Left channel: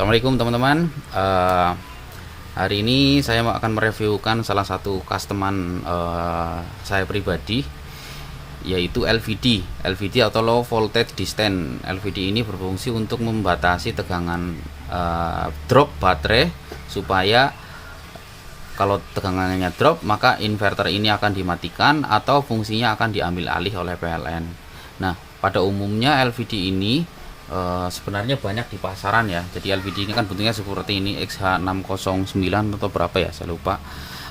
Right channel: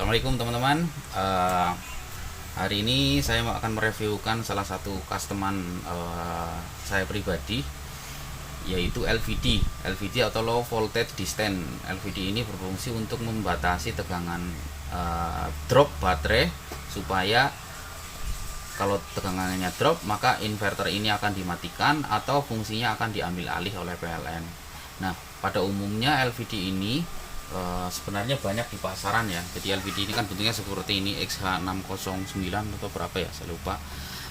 Assalamualaikum teman-teman. Hari ini saya akan mereviewkan salah satu customan saya pribadi, yaitu LVD atau Low Voltage Distance. LVD ini berfungsi untuk membatasi tegangan drop baterai, supaya kalau tegangannya drop maka inverter ini akan dimatikan atau fungsinya akan diambil alih oleh PLN. Nah, pada umumnya LVD ini sebenarnya banyak di pasaran ya. Jadi LVD ini kan bentuknya seperti ini, XH609 atau berapa ya, saya lupa.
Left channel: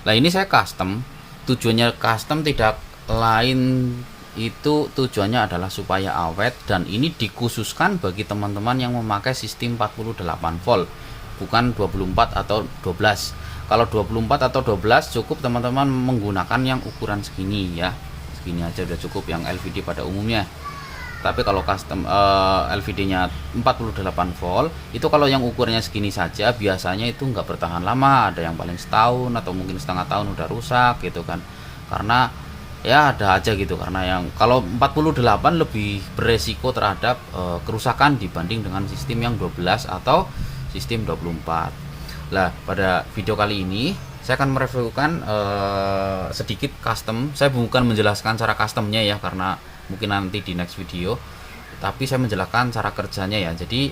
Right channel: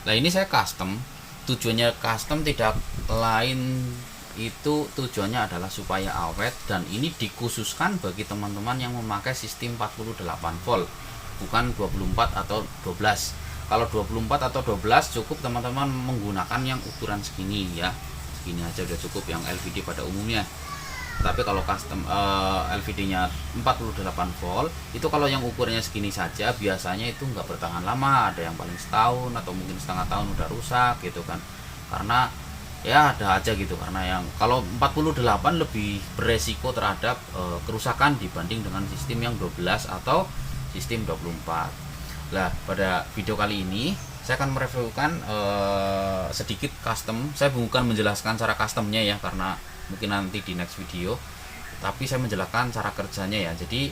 Nah, ini saya custom. Tujuannya custom tidak lain, itu tujuannya adalah supaya awet, dan ini dikhususkan bagi teman-teman yang memakai sistem 48 volt, bukan 24 atau 12. Kalau 24 atau 12 cukup teman-teman menggunakan yang ukuran segini ya. Segini aja udah cukup yang LVD pada umumnya. Tapi kalau custom LVD nya 48 volt, itu kalau yang ukurannya segini saja biasanya itu nggak bertahan lama. Ada yang paling setahun atau mungkin setengah tahun udah rusak gitu kan. Karena ya ada aja gitu, karena yang kalau 48 lebih beresiko terhadap kerusakan dibanding dengan sistem yang 12 atau sistem 24. Nah, pada video kali ini saya akan mereviewkan sedikit custom. Saya bukan menjelaskan cara customnya ya, karena mungkin nanti di next video, tapi saya menjelaskan cara kerjanya ya. Jadi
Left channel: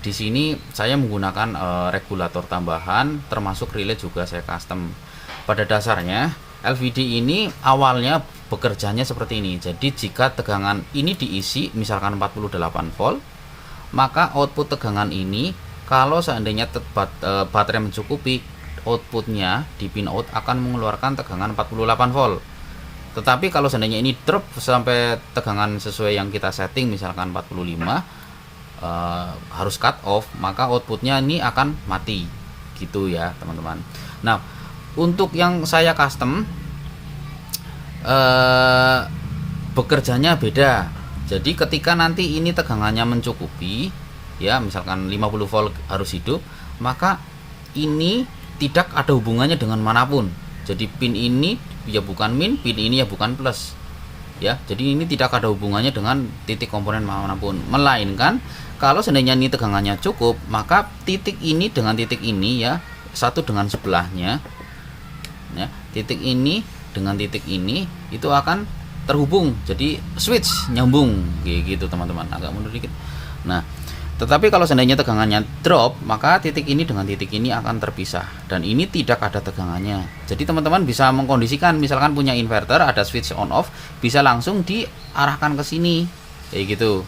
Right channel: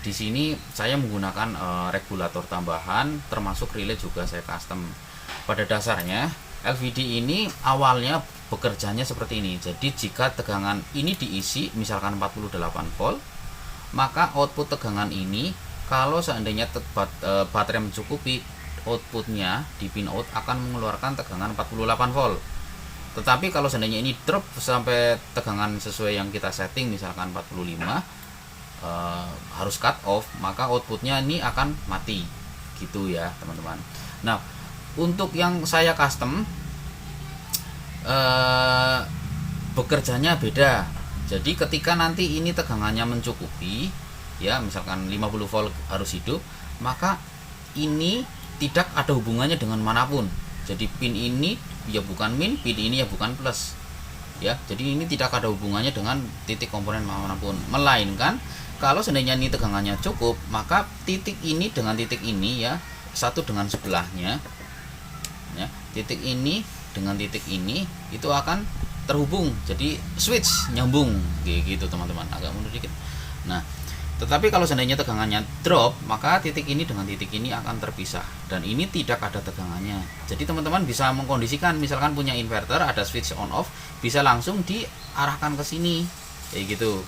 di sini saya menggunakan regulator tambahan, termasuk relay juga saya custom. Pada dasarnya LVD ini awalnya bekerjanya seperti ini. Jadi jika tegangan ini diisi misalkan 48 volt, maka output tegangan ini kalau seandainya baterai mencukupi, outputnya di pin out akan mengeluarkan tegangan 48 volt. Tetapi kalau seandainya ini drop sampai tegangan sesuai yang kita setting, misalkan 45, harus cut off, maka outputnya ini akan mati gitu ya teman-teman. Nah, untuk yang saya custom bekerjanya beda. Jadi ketika nanti ini tegangannya mencukupi ya, misalkan 50 volt harus hidup, maka ini tidak ada hubungannya dengan manapun. Jadi pin ini ya bukan min, pin ini ya bukan plus ya. Jadi ini tidak ada hubungannya dengan titik komponen manapun, melainkan kalau seandainya ini tegangannya cukup, maka titik ini dengan titik ini ya, satu dengan sebelahnya ya, titik ini dengan titik ini itu akan terhubung, jadi switch nyambung kayak gitu teman-teman. Agak mundur dikit. Nah, tetapi kalau seandainya tegangannya drop, maka titik ini dengan titik ini akan terpisah, dan ini tidak ada tegangannya. Jadi teman-teman bisa mengkondisikan, misalkan punya inverter ada switch on off, bisa langsung diarahkan ke sini kayak gitu.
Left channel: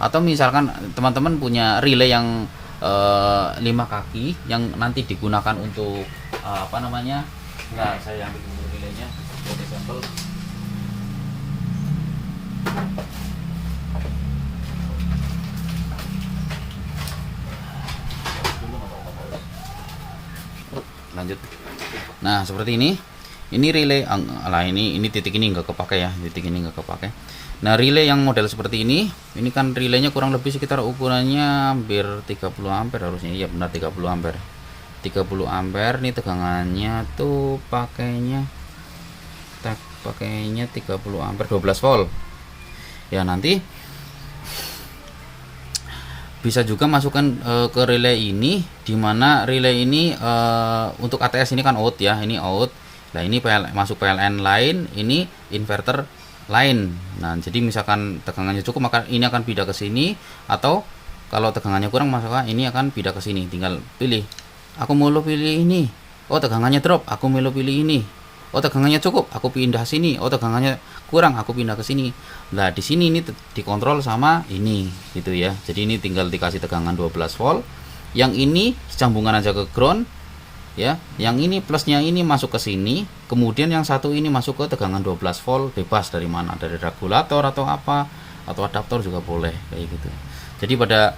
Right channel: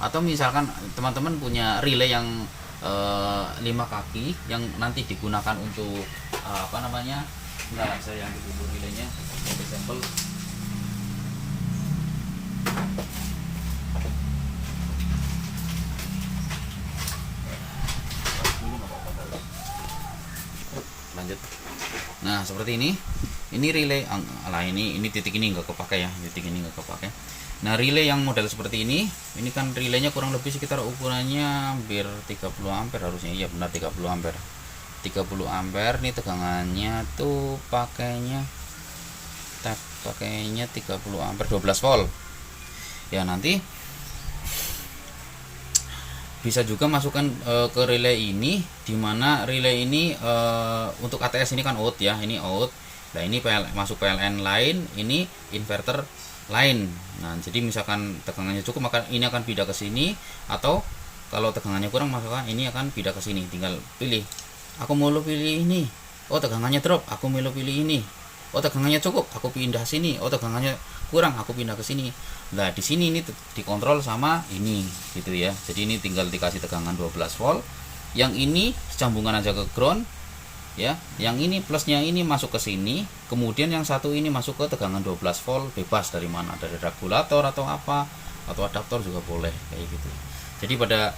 Atau misalkan teman-teman punya relay yang 5 kaki yang nanti digunakan untuk apa namanya? Nah, saya ambil dulu relaynya sebagai sampel. Lanjut. Nah, seperti ini relay lah, ini titik ini enggak kepake ya, titik ini enggak kepake. Nah, relay yang model seperti ini kan relaynya kurang lebih sekitar ukurannya hampir 30 ampere harusnya. Iya benar, 30 ampere. 30 ampere nih tegangannya tuh pakainya 30 ampere 12 volt. Ya, nanti bisa juga masukkan ke relay ini, dimana relay ini untuk ATS ini kan out ya, ini out. Nah, ini masuk PLN lain, ini inverter lain. Nah, jadi misalkan tegangannya cukup maka ini akan pindah ke sini, atau kalau tegangannya kurang maka ini akan pindah ke sini. Tinggal pilih, aku mau pilih ini. Oh, tegangannya drop, aku mau pilih ini. Oh, tegangannya cukup, aku pindah sini. Oh, tegangannya kurang, aku pindah ke sini. Nah, di sini ini dikontrol sama ini gitu ya. Jadi ini tinggal dikasih tegangan 12 volt. Yang ini sambungan aja ke ground ya. Yang ini plusnya ini masuk ke sini, kemudian yang satu ini masuk ke tegangan 12 volt, bebas dari mana, dari regulator atau apa, atau adaptor juga boleh kayak gitu. Jadi pada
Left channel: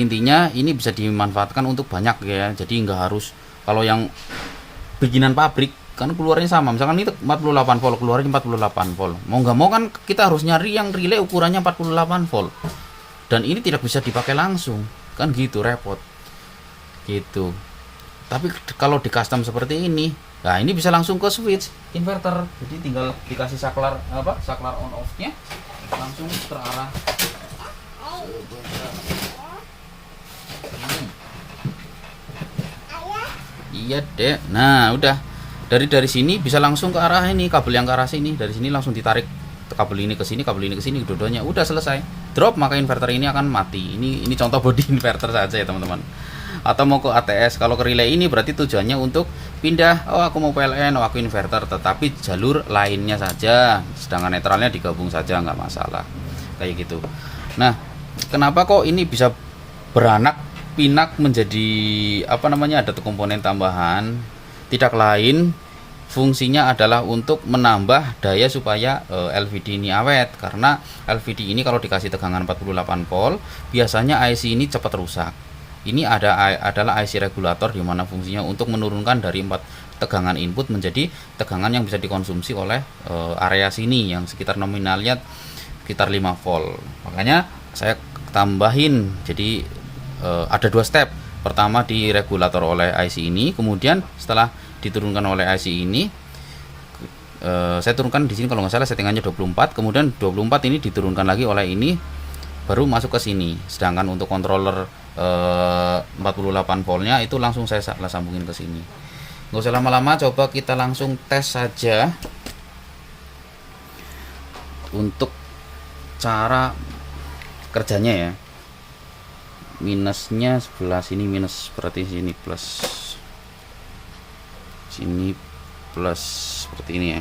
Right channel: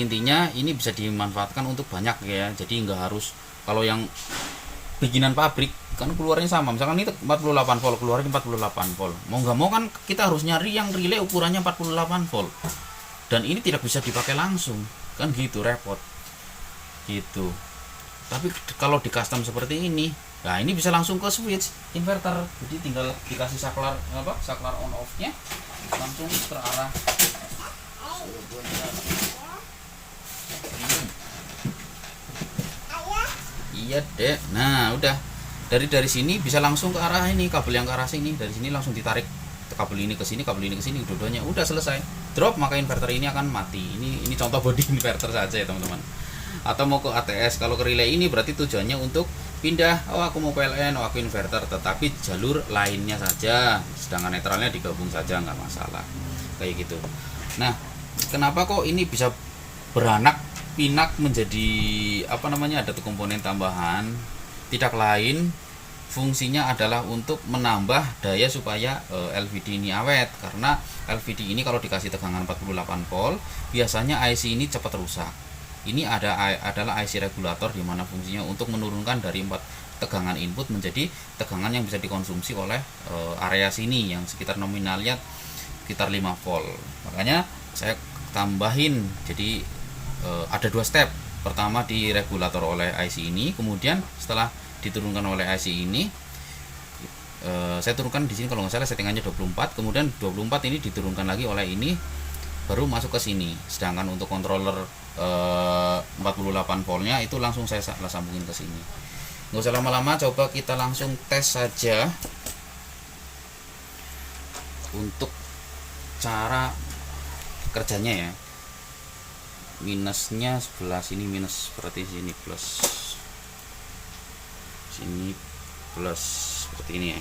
intinya ini bisa dimanfaatkan untuk banyak ya. Jadi nggak harus, kalau yang bikinan pabrik kan keluarnya sama, misalkan itu 48 volt keluarnya 48 volt, mau nggak mau kan kita harus nyari yang relay ukurannya 48 volt, dan ini tidak bisa dipakai langsung kan gitu, repot gitu. Tapi kalau di custom seperti ini, nah ini bisa langsung ke switch inverter, jadi tinggal dikasih saklar on off nya langsung terarah. Iya deh. Nah udah, dari sini bisa langsung ke arah ini, kabel yang ke arah sini, dari sini langsung ditarik kabel ini ke sini, kabel ini ke sini, dua-duanya udah selesai drop, maka inverter ini akan mati. Ini contoh body inverter saja ya teman-teman. Atau mau ke ATS, kalau ke relay ini berarti tujuannya untuk pindah, oh aku mau PLN, oh aku inverter, tetapi jalur lainnya saja, sedangkan netralnya digabung saja, nggak masalah kayak gitu. Nah, kenapa kok ini bisa beranak pinak menjadi apa namanya, ada komponen tambahan? Tidak lain, fungsinya adalah untuk menambah daya supaya LVD ini awet, karena LVD ini kalau dikasih tegangan 48 volt biasanya IC ini cepat rusak. Ini adalah IC regulator, di mana fungsinya untuk menurunkan dari 4 tegangan input menjadi tegangan yang bisa dikonsumsi oleh area sini yang sekitar nominalnya sekitar 5 volt. Makanya saya tambahin, jadi ada 2 step. Pertama di regulator oleh IC ini, kemudian setelah diturunkan oleh IC ini, saya turunkan di sini kalau nggak salah settingannya 24, kemudian 24 ini diturunkan lagi oleh ini, baru masuk ke sini. Sedangkan untuk controller 48 voltnya itu langsung saya sambungin ke sini. Nggak usah lama-lama, coba kita langsung tes saja untuk cara kerjanya ya. Minusnya sebelah sini minus, berarti sini plus, sini plus, seperti ini ya.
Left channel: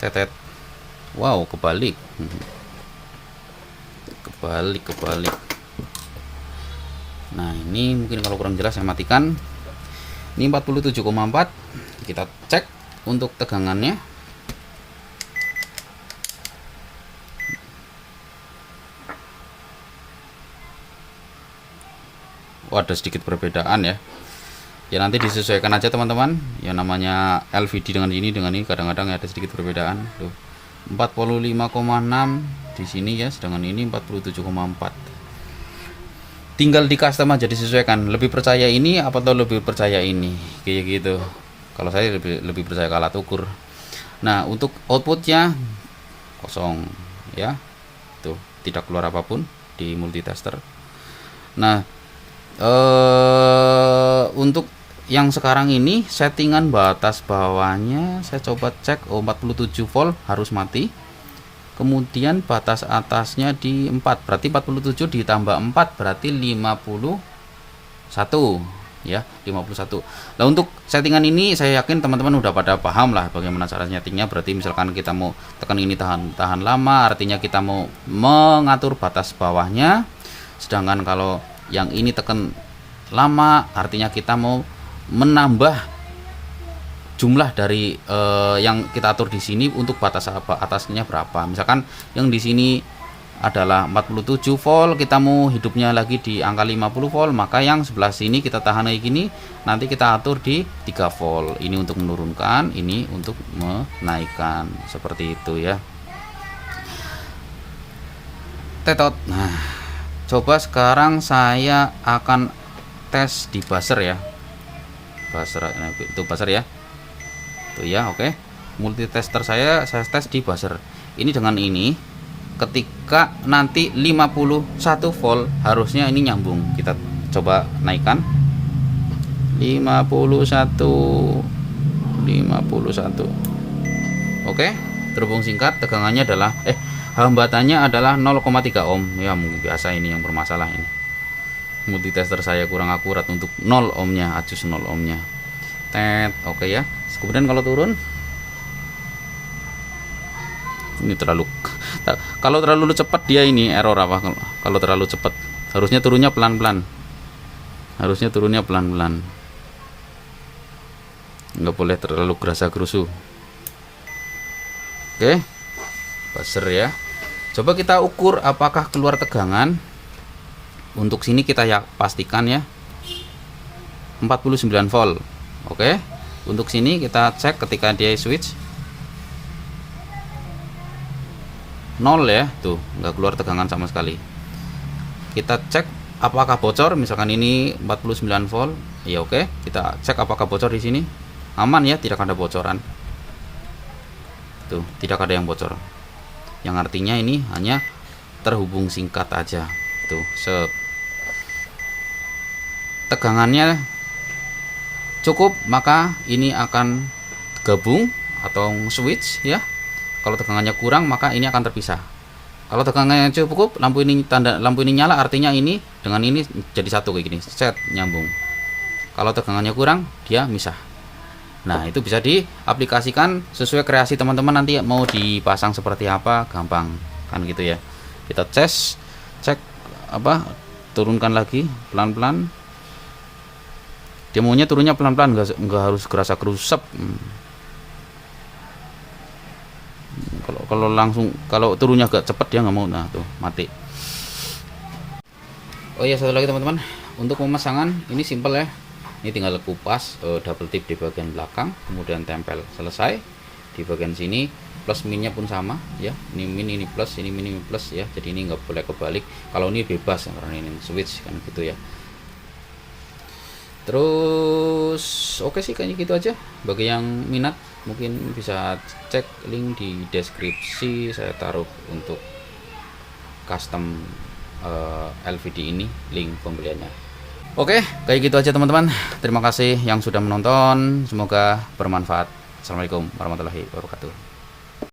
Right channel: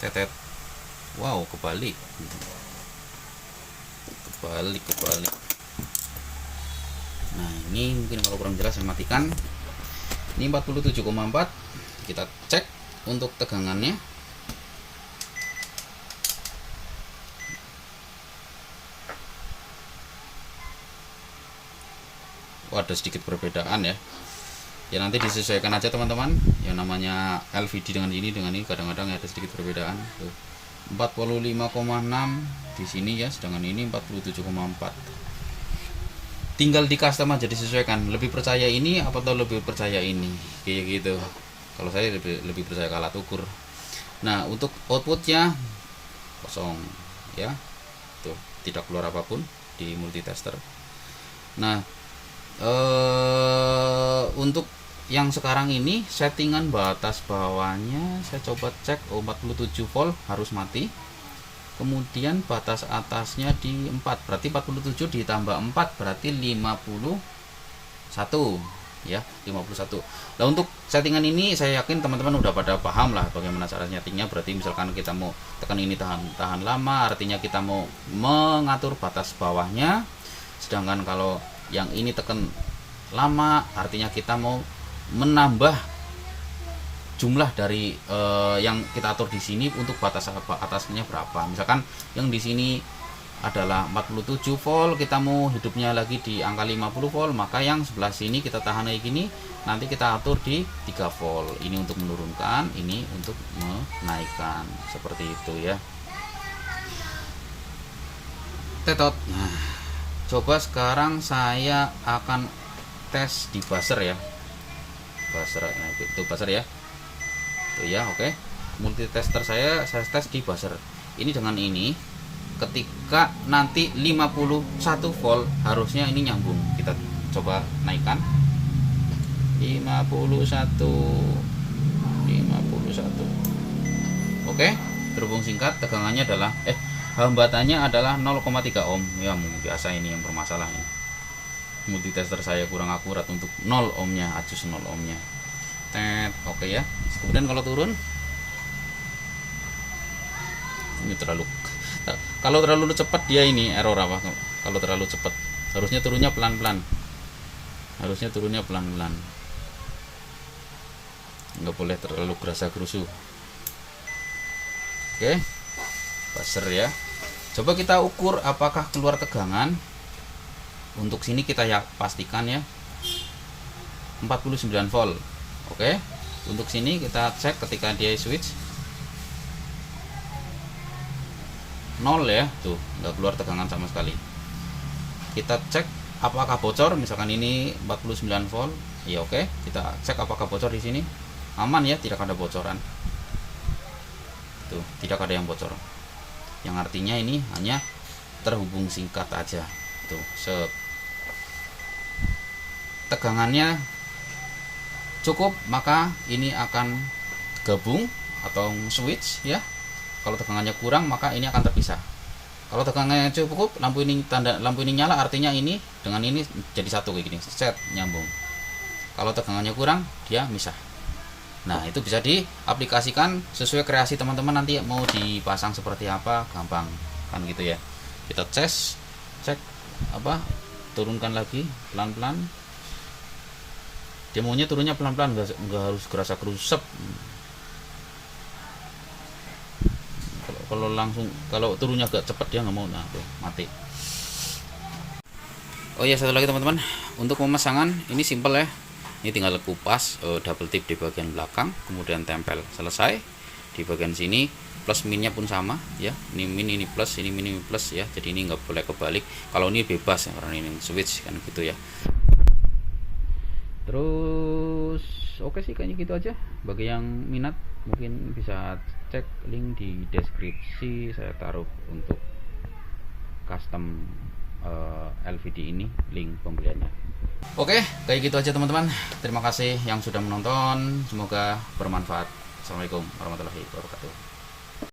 Tetet, wow, kebalik, kebalik. Nah ini mungkin kalau kurang jelas saya matikan. Ini 47,4, kita cek untuk tegangannya. Oh, ada sedikit perbedaan ya. Ya nanti disesuaikan aja teman-teman. Ya namanya LVD dengan ini kadang-kadang ada sedikit perbedaan. Tuh. 45,6 di sini ya, sedangkan ini 47,4. Tinggal di custom aja, disesuaikan. Lebih percaya ini apa atau lebih percaya ini, kayak gitu. Kalau saya lebih percaya ke alat ukur. Nah untuk outputnya kosong ya, tuh tidak keluar apapun di multitester. Nah untuk yang sekarang ini settingan batas bawahnya saya coba cek, 47 volt harus mati, kemudian batas atasnya di 4, berarti 47 ditambah 4 berarti 51 ya, 51. Nah untuk settingan ini saya yakin teman-teman udah pada paham lah bagaimana cara settingnya. Berarti misalkan kita mau tekan ini tahan lama, artinya kita mau mengatur batas bawahnya, sedangkan kalau yang ini tekan lama artinya kita mau menambah jumlah dari yang kita atur di sini untuk batas atasnya berapa. Misalkan yang di sini adalah 47 volt, kita mau hidupnya lagi di angka 50 volt, maka yang sebelah sini kita tahan kayak gini, nanti kita atur di 3 volt. Ini untuk menurunkan, ini untuk menaikkan, seperti itu ya. Tetot. Nah, coba sekarang saya akan tes di buzzer ya. Buzzer itu buzzer ya. Tuh ya, oke. Multitester saya tes di buzzer. Ini dengan ini ketika nanti 51 volt harusnya ini nyambung. Kita coba naikkan. 51. Oke, terhubung singkat, tegangannya adalah hambatannya adalah 0,3 ohm. Ya, mungkin biasa ini yang bermasalah ini. Multitester saya kurang akurat untuk 0 ohmnya, adjust 0 ohmnya. Oke ya. Kemudian kalau turun, ini kalau terlalu cepat dia ini error apa? Kalau terlalu cepat, harusnya turunnya pelan-pelan. Nggak boleh terlalu gerasa-gerusu. Oke, buzzer ya. Coba kita ukur apakah keluar tegangan. Untuk sini kita ya pastikan ya 49 volt. Oke. Untuk sini kita cek ketika dia switch 0 ya, tuh nggak keluar tegangan sama sekali. Kita cek apakah bocor, misalkan ini 49 volt, ya oke. Kita cek apakah bocor di sini, aman ya, tidak ada bocoran. Tuh, tidak ada yang bocor. Yang artinya ini hanya terhubung singkat aja. Tuh, tegangannya cukup, maka ini akan gabung atau switch ya. Kalau tegangannya kurang, maka ini akan terpisah. Kalau tegangannya cukup, lampu ini nyala, artinya ini dengan ini jadi satu kayak gini, set nyambung. Kalau tegangannya kurang, dia misah. Nah, itu bisa diaplikasikan sesuai kreasi teman-teman, nanti mau dipasang seperti apa, gampang kan gitu ya. Kita cek turunkan lagi pelan-pelan. Dia maunya turunnya pelan-pelan, nggak harus gerasa gerusep. Kalau turunnya agak cepat dia nggak mau, nah tuh mati. Oh iya, satu lagi teman-teman, untuk pemasangan ini simple ya. Ini tinggal kupas, double tip di bagian belakang, kemudian tempel, selesai. Di bagian sini plus minnya pun sama ya, ini min, ini plus, ini min, ini plus ya. Jadi ini nggak boleh kebalik. Kalau ini bebas ya, karena ini switch kan gitu ya. Terus oke sih, kayaknya gitu aja. Bagi yang minat mungkin bisa cek link di deskripsi, saya taruh untuk custom LVD ini, link pembeliannya. Oke, kayak gitu aja teman-teman. Terima kasih yang sudah menonton, semoga bermanfaat. Assalamualaikum warahmatullahi wabarakatuh.